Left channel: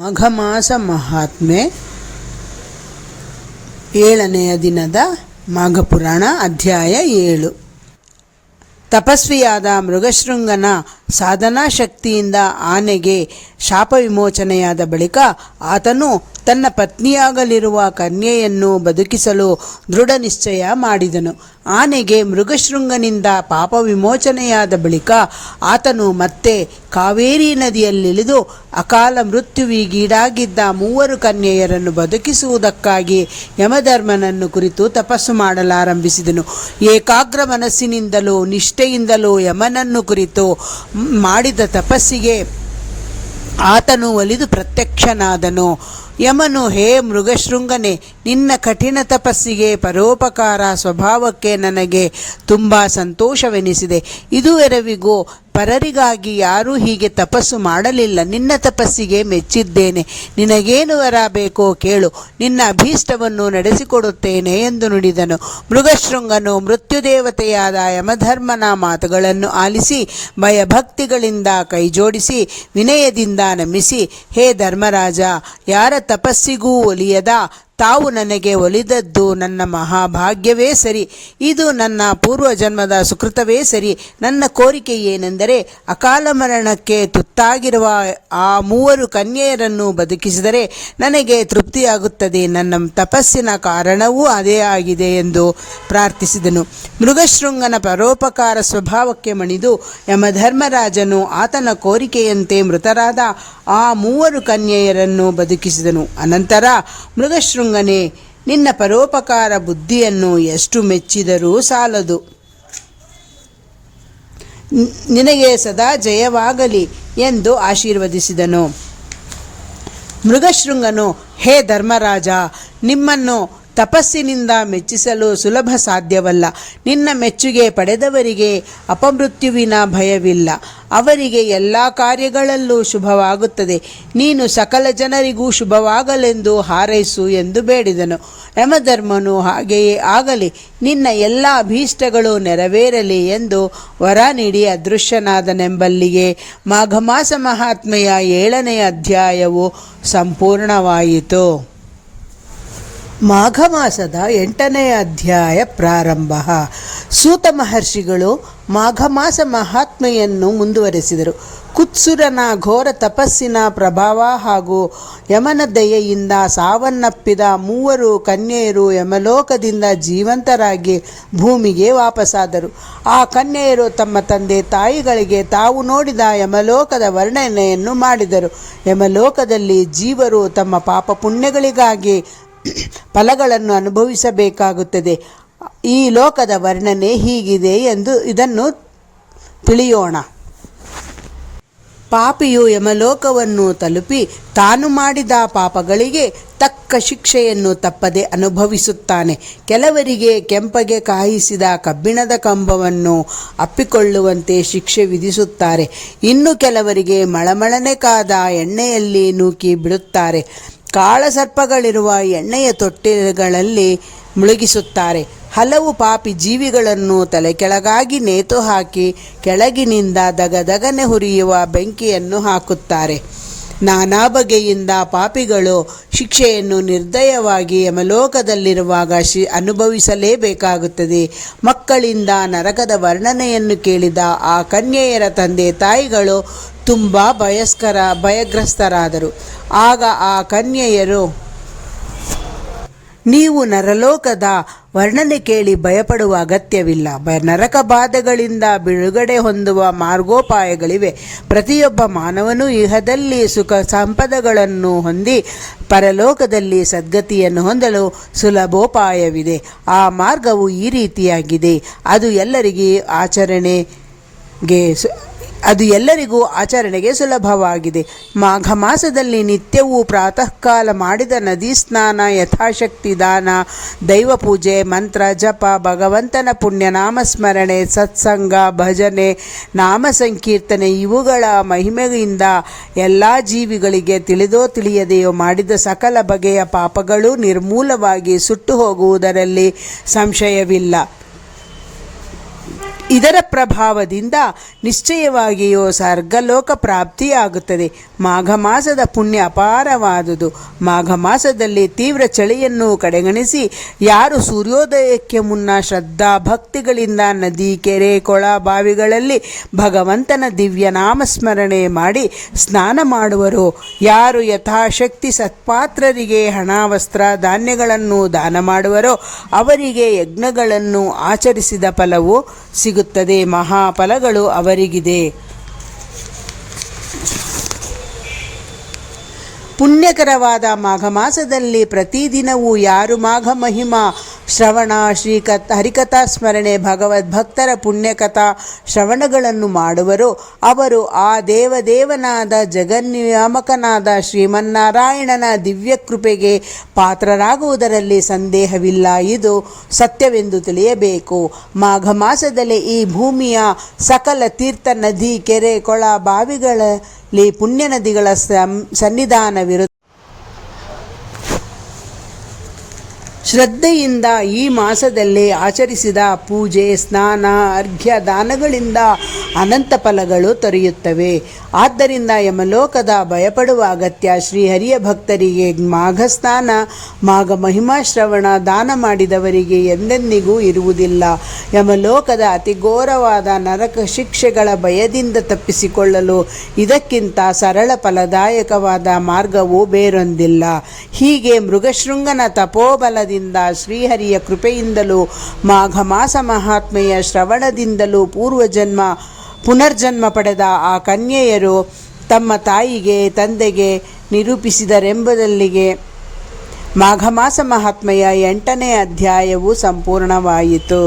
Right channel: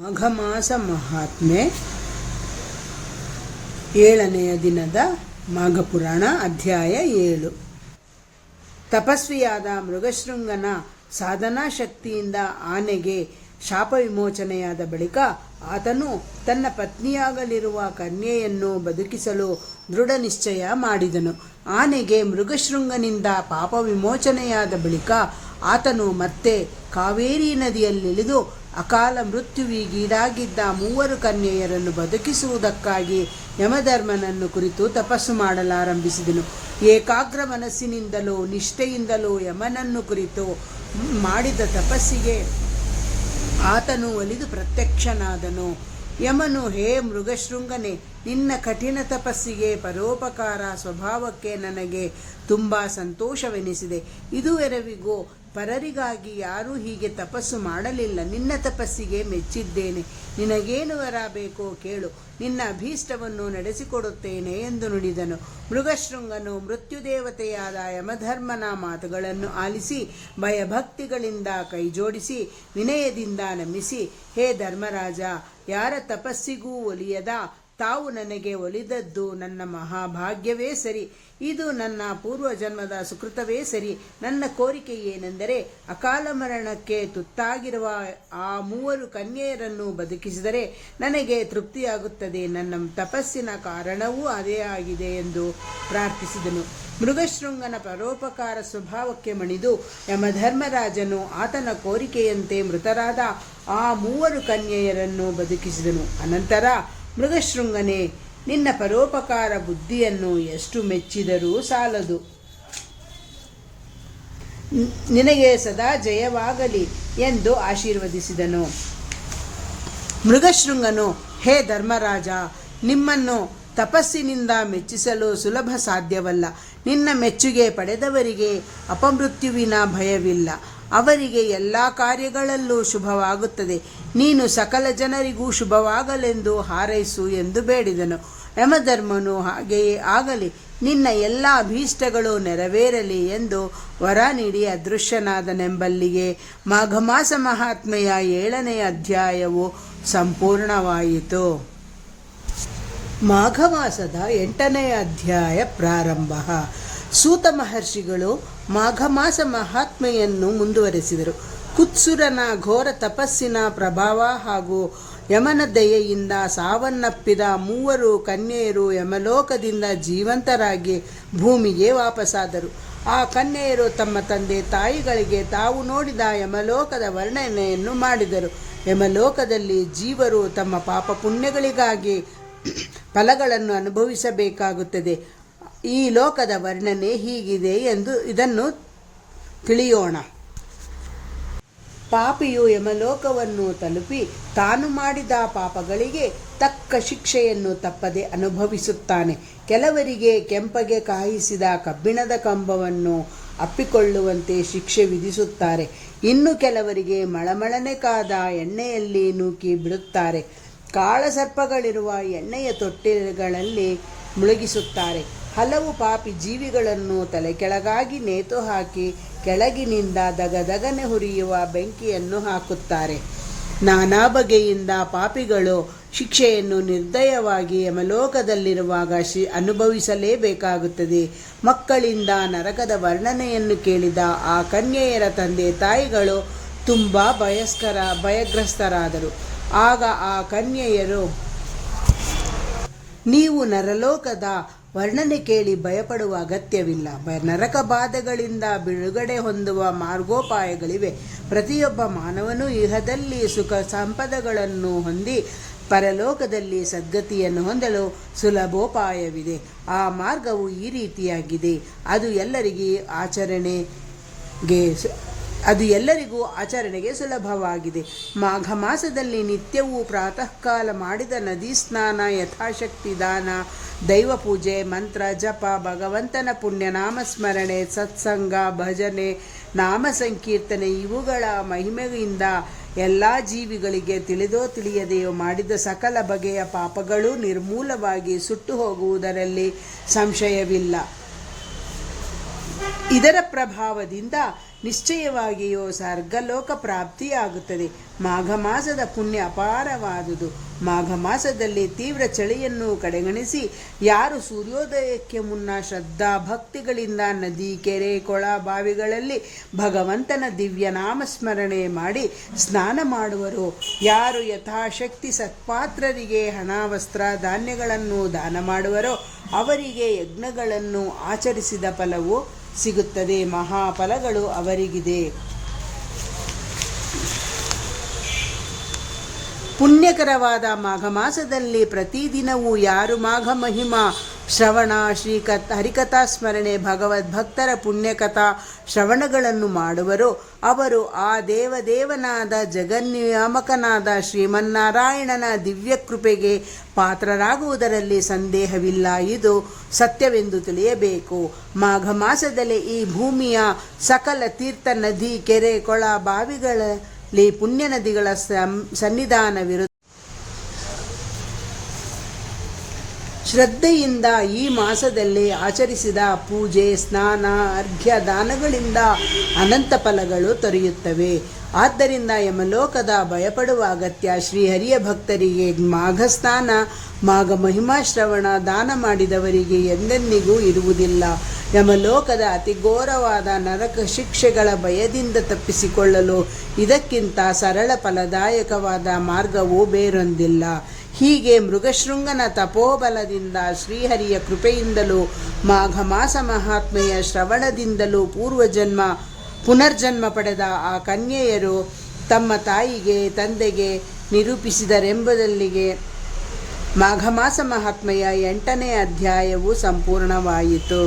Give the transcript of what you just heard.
ಮಾಘಮಾಸ ಮಹಾತ್ಮೆ 7ನೆಯ ದಿನದ ಮಾಘಪುರಾಣ ಅಧ್ಯಾಯ 7. ತಪಸ್ವಿಯಾದ ಮೃಗಶೃಂಗನ ಸಾಧನಾ ಶಕ್ತಿಯಿಂದ ಆನೆಗೆ ಶಾಪ ವಿಮೋಚನೆಯಾದ ಬಳಿಕ ಆತನು ತನ್ನ ಪತ್ನಿಯಾಗಲಿರುವ ಕನ್ಯೆಯನ್ನು ಬದುಕಿಸಲು ದೃಢ ನಿಶ್ಚಯ ಮಾಡಿದನು. ಆನೆಗೆ ಮೃಗಶೃಂಗನಿಂದ ಪಾಪ ವಿಮೋಚನೆಯಾದ ಬಳಿಕ ಆತನು ಮತ್ತೆ ಕಾವೇರಿ ನದಿಯಲ್ಲಿಳಿದು ಅಕಾಲ ಮೃತ್ಯುವಿಗೀಡಾಗಿದ್ದ 3 ಕನ್ಯೆಯರನ್ನು ಬದುಕಿಸುವುದಕ್ಕಾಗಿ ಯಮಧರ್ಮನನ್ನು ಕುರಿತು ತಪಸ್ಸು ಮಾಡಲಾರಂಭಿಸಿದನು. ಏಕಾಗ್ರ ಮನಸ್ಸಿನಿಂದಲೂ ನಿಷ್ಠೆಯಿಂದಲೂ ಯಮನನ್ನು ಕುರಿತು ಮಾಡಿದ ತಪಸ್ಸಿಗೆ ಆತನು ಒಲಿದು ಪ್ರತ್ಯಕ್ಷನಾದನು. ಯಮನು, ಹೇ ಮೃಗಶೃಂಗನೇ, ನಿನ್ನ ಕಠಿಣ ತಪಸ್ಸಿಗೆ ಪರೋಪಕಾರ ಸ್ವಭಾವಕ್ಕೆ ನನಗೆ ತುಂಬ ಸಂತೋಷವೆನಿಸಿದೆ. ಇದುವರೆವಿಗೂ ಪರರಿಗಾಗಿ ಯಾರೂ ಹೀಗೆ ತಪಸ್ಸು ಮಾಡಲಿಲ್ಲ. ನಿನ್ನ ತಪಸ್ಸಿಗೆ ಮೆಚ್ಚಿದ್ದೇನೆ. ನಿನಗೇನು ವರ ಬೇಕೋ ಕೇಳು, ನಿನ್ನ ಅಭೀಷ್ಟವನ್ನು ನಡೆಸಿಕೊಡುತ್ತೇನೆ ಎಂದು ನುಡಿದನು. ಮೃಗಶೃಂಗನು ಮೃತ್ಯುದೇವತೆಯಾದ ಯಮಧರ್ಮನ ಮಾತುಗಳನ್ನು ಆಲಿಸಿ ಭಯಭಕ್ತಿಗಳಿಂದ ಕೈಜೋಡಿಸಿ ವಿನಯದಿಂದ ನಮಿಸಿ, ಹೇ ಧರ್ಮರಾಜ, ಯಾರ ತಪಸ್ಸಿಗೂ ಒಲಿಯದ ತಾವು ನನಗೆ ಒಲಿದದ್ದು ನನ್ನ ಮಹಾಭಾಗ್ಯವೇ ಸರಿ. ಇದು ನನ್ನ ಪೂರ್ವಜನ್ಮದ ಸುಕೃತವೇ ಸರಿ. ನನ್ನ ಕೋರಿಕೆ ಏನೆಂದರೆ, ಅಕಾಲ ಮರಣಕ್ಕೆ ತುತ್ತಾಗಿರುವ ಆ 3 ಕನ್ಯೆಯರನ್ನು ಬದುಕಿಸಿದರೆ ನನಗೆ ತೃಪ್ತಿಯಾಗುತ್ತದೆ. ನನ್ನ ತಪಸ್ಸಿನ ಕಾರಣವೂ ಅದೇ ಆಗಿದೆ ಎಂದು ಪ್ರಾರ್ಥಿಸಿದನು. ಮೃಗಶೃಂಗನ ಪರೋಪಕಾರ ಸ್ವಭಾವಕ್ಕೆ ಮಣಿದು ಯಮಧರ್ಮರಾಜನು ಆತನ ಕೋರಿಕೆಯಂತೆ ಮೃತರಾದ ಆ 3 ಕನ್ಯೆಯರನ್ನು ಬದುಕಿಸಿದನು. ಅನಂತರ ಮೃಗಶೃಂಗನೇ, ನಿನ್ನ ಪರೋಪಕಾರ ಬುದ್ಧಿಯನ್ನು ಎಷ್ಟು ಮೆಚ್ಚಿದರೂ ಸಾಲದು. ನಿನಗೆ ಸದಾ ಜಯವಾಗಲಿ ಎಂದು ಆಶೀರ್ವದಿಸಿದನು. ಮೃಗಶೃಂಗನು, ಹೇ ಧರ್ಮರಾಜ, ನಿಮ್ಮನ್ನು ತಪಸ್ಸಿನಿಂದ ಮೆಚ್ಚಿಸಲು ಸುಲಭ ಸಾಧ್ಯವಲ್ಲ. ನಿನ್ನ ಮೆಚ್ಚುಗೆ ಪಡೆದವರಿಗೆ ಅಪಮೃತ್ಯುವಿನ ಭಯವಿಲ್ಲ. ಅವರಿಗೆ ಎಲ್ಲ ಕಾರ್ಯಗಳಲ್ಲೂ ಶುಭವಾಗುತ್ತದೆ. ನೀನು ಸಕಲ ಜನರಿಗೂ ಶುಭವಾಗಲೆಂದು ಹಾರೈಸು ಎಂದು ಬೇಡಿದನು. ಯಮಧರ್ಮನು, ಹಾಗೆಯೇ ಆಗಲಿ, ನಿನ್ನ ಎಲ್ಲ ಅಭೀಷ್ಟಗಳು ನೆರವೇರಲಿ ಎಂದು ವರ ನೀಡಿ ಅದೃಶ್ಯನಾದನೆಂಬಲ್ಲಿಗೆ ಮಾಘಮಾಸ ಮಹಾತ್ಮೆಯ 7ನೇ ಅಧ್ಯಾಯವು ಸಂಪೂರ್ಣವಾಯಿತು. ಮಾಘಮಾಸದ 8ನೇ ಅಧ್ಯಾಯ ಪ್ರಾರಂಭ. ಸೂತ ಮಹರ್ಷಿಗಳು ಮಾಘಮಾಸ ಮಹಾತ್ಮೆಯನ್ನು ಮುಂದುವರೆಸಿದರು. ಕುತ್ಸುರನ ಘೋರ ತಪಸ್ಸಿನ ಪ್ರಭಾವ ಹಾಗೂ ಯಮನ ದಯೆಯಿಂದ ಸಾವನ್ನಪ್ಪಿದ 3 ಕನ್ಯೆಯರು ಯಮಲೋಕದಿಂದ ಜೀವಂತರಾಗಿ ಭೂಮಿಗೆ ವಾಪಸ್ಸಾದರು. ಆ ಕನ್ಯೆಯರು ತಮ್ಮ ತಂದೆ ತಾಯಿಗಳಿಗೆ ತಾವು ನೋಡಿದ ಯಮಲೋಕದ ವರ್ಣನೆಯನ್ನು ಮಾಡಿದರು. ಯಮಲೋಕದಲ್ಲಿ ಜೀವರು ತಮ್ಮ ಪಾಪ ಪುಣ್ಯಗಳಿಗಾಗಿ ಫಲಗಳನ್ನು ಅನುಭವಿಸಬೇಕಾಗುತ್ತದೆ. ಈ ಲೋಕದ ವರ್ಣನೆ ಹೀಗಿದೆ ಎಂದು ಇದನ್ನು ತಿಳಿಯೋಣ. ಪಾಪಿಯು ಯಮಲೋಕವನ್ನು ತಲುಪಿ ತಾನು ಮಾಡಿದ ಪಾಪಗಳಿಗೆ ತಕ್ಕ ಶಿಕ್ಷೆಯನ್ನು ತಪ್ಪದೆ ಅನುಭವಿಸುತ್ತಾನೆ. ಕೆಲವರಿಗೆ ಕೆಂಪಗೆ ಕಾಯಿಸಿದ ಕಬ್ಬಿಣದ ಕಂಬವನ್ನು ಅಪ್ಪಿಕೊಳ್ಳುವಂತೆ ಶಿಕ್ಷೆ ವಿಧಿಸುತ್ತಾರೆ. ಇನ್ನು ಕೆಲವರಿಗೆ ಮಳಮಳನೆ ಕಾದ ಎಣ್ಣೆಯಲ್ಲಿ ನೂಕಿ ಬಿಡುತ್ತಾರೆ. ಕಾಳಸರ್ಪಗಳಿರುವ ಎಣ್ಣೆಯ ತೊಟ್ಟಿಗಳಲ್ಲಿ ಮುಳುಗಿಸುತ್ತಾರೆ. ಹಲವು ಪಾಪಿ ಜೀವಿಗಳನ್ನು ತಲೆಕೆಳಗಾಗಿ ನೇತು ಹಾಕಿ ಕೆಳಗಿನಿಂದ ದಗದಗನೆ ಹುರಿಯುವ ಬೆಂಕಿಯನ್ನು ಹಾಕುತ್ತಾರೆ. ನಾನಾ ಬಗೆಯಿಂದ ಪಾಪಿಗಳು ಶಿಕ್ಷೆಯನ್ನು ನಿರ್ದಯವಾಗಿ ಯಮಲೋಕದಲ್ಲಿರುವಾಗ ಅನುಭವಿಸಲೇಬೇಕಾಗುತ್ತದೆ. ಮಕ್ಕಳಿಂದ ನರಕದ ವರ್ಣನೆಯನ್ನು ಕೇಳಿದ ಆ ಕನ್ಯೆಯರ ತಂದೆ ತಾಯಿಗಳು ತುಂಬ ಭಯಗ್ರಸ್ತರಾದರು. ಆಗ ಆ ಕನ್ಯೆಯರು, ನೀವು ನರಲೋಕದ ವರ್ಣನೆ ಕೇಳಿ ಭಯಪಡುವ ಅಗತ್ಯವಿಲ್ಲ. ನರಕ ಬಾಧೆಗಳಿಂದ ಬಿಡುಗಡೆ ಹೊಂದುವ ಮಾರ್ಗೋಪಾಯಗಳಿವೆ. ಪ್ರತಿಯೊಬ್ಬ ಮಾನವನು ಇಹದಲ್ಲಿ ಸುಖ ಸಂಪದಗಳನ್ನು ಹೊಂದಿ ಪರಲೋಕದಲ್ಲಿ ಸದ್ಗತಿಯನ್ನು ಹೊಂದಲು ಸುಲಭೋಪಾಯವಿದೆ. ಆ ಮಾರ್ಗವು ಈ ರೀತಿಯಾಗಿದೆ. ಅದು ಎಲ್ಲರಿಗೂ ಆಚರಣೆಗೆ ಸುಲಭವಾಗಿದೆ. ಮಾಘ ಮಾಸದಲ್ಲಿ ನಿತ್ಯವೂ ಪ್ರಾತಃ ಕಾಲ ಮಾಡಿದ ನದಿ ಸ್ನಾನ, ಯಥಾಶಕ್ತಿ ದಾನ, ದೈವ ಪೂಜೆ, ಮಂತ್ರ ಜಪ, ಭಗವಂತನ ಪುಣ್ಯ ನಾಮಸ್ಮರಣೆ, ಸತ್ಸಂಗ, ಭಜನೆ, ನಾಮ ಸಂಕೀರ್ತನೆ ಇವುಗಳ ಮಹಿಮೆಯಿಂದ ಎಲ್ಲ ಜೀವಿಗಳಿಗೆ ತಿಳಿದೋ ತಿಳಿಯದೆಯೋ ಮಾಡಿದ ಸಕಲ ಬಗೆಯ ಪಾಪಗಳು ನಿರ್ಮೂಲವಾಗಿ ಸುಟ್ಟು ಹೋಗುವುದರಲ್ಲಿ ಸಂಶಯವಿಲ್ಲ. ಇದರ ಪ್ರಭಾವದಿಂದ ನಿಶ್ಚಯವಾಗಿಯೂ ಸ್ವರ್ಗಲೋಕ ಪ್ರಾಪ್ತಿಯಾಗುತ್ತದೆ. ಮಾಘ ಮಾಸದ ಪುಣ್ಯ ಅಪಾರವಾದುದು. ಮಾಘ ಮಾಸದಲ್ಲಿ ತೀವ್ರ ಚಳಿಯನ್ನು ಕಡೆಗಣಿಸಿ ಯಾರು ಸೂರ್ಯೋದಯಕ್ಕೆ ಮುನ್ನ ಶ್ರದ್ಧಾ ಭಕ್ತಿಗಳಿಂದ ನದಿ, ಕೆರೆ, ಕೊಳ, ಬಾವಿಗಳಲ್ಲಿ ಭಗವಂತನ ದಿವ್ಯ ನಾಮಸ್ಮರಣೆ ಮಾಡಿ ಸ್ನಾನ ಮಾಡುವರೋ, ಯಾರು ಯಥಾಶಕ್ತಿ ಸತ್ಪಾತ್ರರಿಗೆ ಹಣ, ವಸ್ತ್ರ, ಧಾನ್ಯಗಳನ್ನು ದಾನ ಮಾಡುವರೋ ಅವರಿಗೆ ಯಜ್ಞಗಳನ್ನು ಆಚರಿಸಿದ ಫಲವು ಸಿಗುತ್ತದೆ. ಮಹಾಫಲಗಳು ಅವರಿಗಿದೆ. ಪುಣ್ಯಕರವಾದ ಮಾಘ ಮಾಸದಲ್ಲಿ ಪ್ರತಿದಿನವೂ ಯಾರು ಮಾಘ ಮಹಿಮಾ ಶ್ರವಣ, ಹರಿಕಥಾ ಸ್ಮರಣೆ, ಭಗವದ್ಭಕ್ತರ ಪುಣ್ಯಕಥಾ ಶ್ರವಣಗಳನ್ನು ಮಾಡುವರೋ ಅವರು ಆ ದೇವದೇವನಾದ ಜಗನ್ನಿಯಾಮಕನಾದ ಶ್ರೀಮನ್ನಾರಾಯಣನ ದಿವ್ಯಕೃಪೆಗೆ ಪಾತ್ರರಾಗುವುದರಲ್ಲಿ ಸಂದೇಹವಿಲ್ಲ. ಇದು ಸತ್ಯವೆಂದು ತಿಳಿಯಬೇಕು. ಮಾಘ ಮಾಸದಲ್ಲಿ ಈ ಭೂಮಿಯ ಸಕಲ ತೀರ್ಥ, ನದಿ, ಕೆರೆ, ಕೊಳ, ಬಾವಿಗಳಲ್ಲಿ ಪುಣ್ಯ ನದಿಗಳ ಸನ್ನಿಧಾನವಿರುತ್ತದೆ. ಶ್ರದ್ಧೆಯಿಂದ ಈ ಮಾಸದಲ್ಲಿ ಆಚರಿಸಿದ ಪೂಜೆ, ಸ್ನಾನ, ಅರ್ಘ್ಯ, ದಾನಗಳಿಂದ ಅನಂತ ಫಲಗಳು ದೊರೆಯುತ್ತವೆ. ಆದ್ದರಿಂದ ಯಮಲೋಕದ ಭಯಪಡುವ ಅಗತ್ಯ ಶ್ರೀಹರಿಯ ಭಕ್ತರಿಗೆ ಮಾಘ ಸ್ನಾನ, ಮಾಘ ಮಹಿಮಾ ಶ್ರವಣ, ದಾನ ಮಾಡಿದವರಿಗೆ ಎಂದೆಂದಿಗೂ ಇರುವುದಿಲ್ಲ. ಯಮಲೋಕದ ಅತಿ ಘೋರವಾದ ನರಕ ಶಿಕ್ಷೆಗಳ ಭಯದಿಂದ ತಪ್ಪಿಸಿಕೊಳ್ಳಲು ಇದಕ್ಕಿಂತ ಸರಳ ಫಲದಾಯಕವಾದ ಮಾರ್ಗವೂ ಬೇರೊಂದಿಲ್ಲ. ಹೀಗೆ ಮೃಗಶೃಂಗನ ತಪೋಬಲದಿಂದ, ಶ್ರೀಹರಿಯ ಕೃಪೆಯಿಂದಲೂ, ಮಾಘ ಮಾಸ ಮಹಾತ್ಮೆಯ ಶ್ರವಣದಿಂದಲೂ ಪುನರ್ಜನ್ಮ ಪಡೆದ ಆ ಕನ್ಯೆಯರು ತಮ್ಮ ತಾಯಿಗೆ, ತಂದೆಗೆ ನಿರೂಪಿಸಿದರೆಂಬುದಲ್ಲಿಗೆ ಮಾಘ ಮಾಸ ಮಹಾತ್ಮೆಯ 8ನೇ ಅಧ್ಯಾಯವು ಸಂಪೂರ್ಣವಾಯಿತು.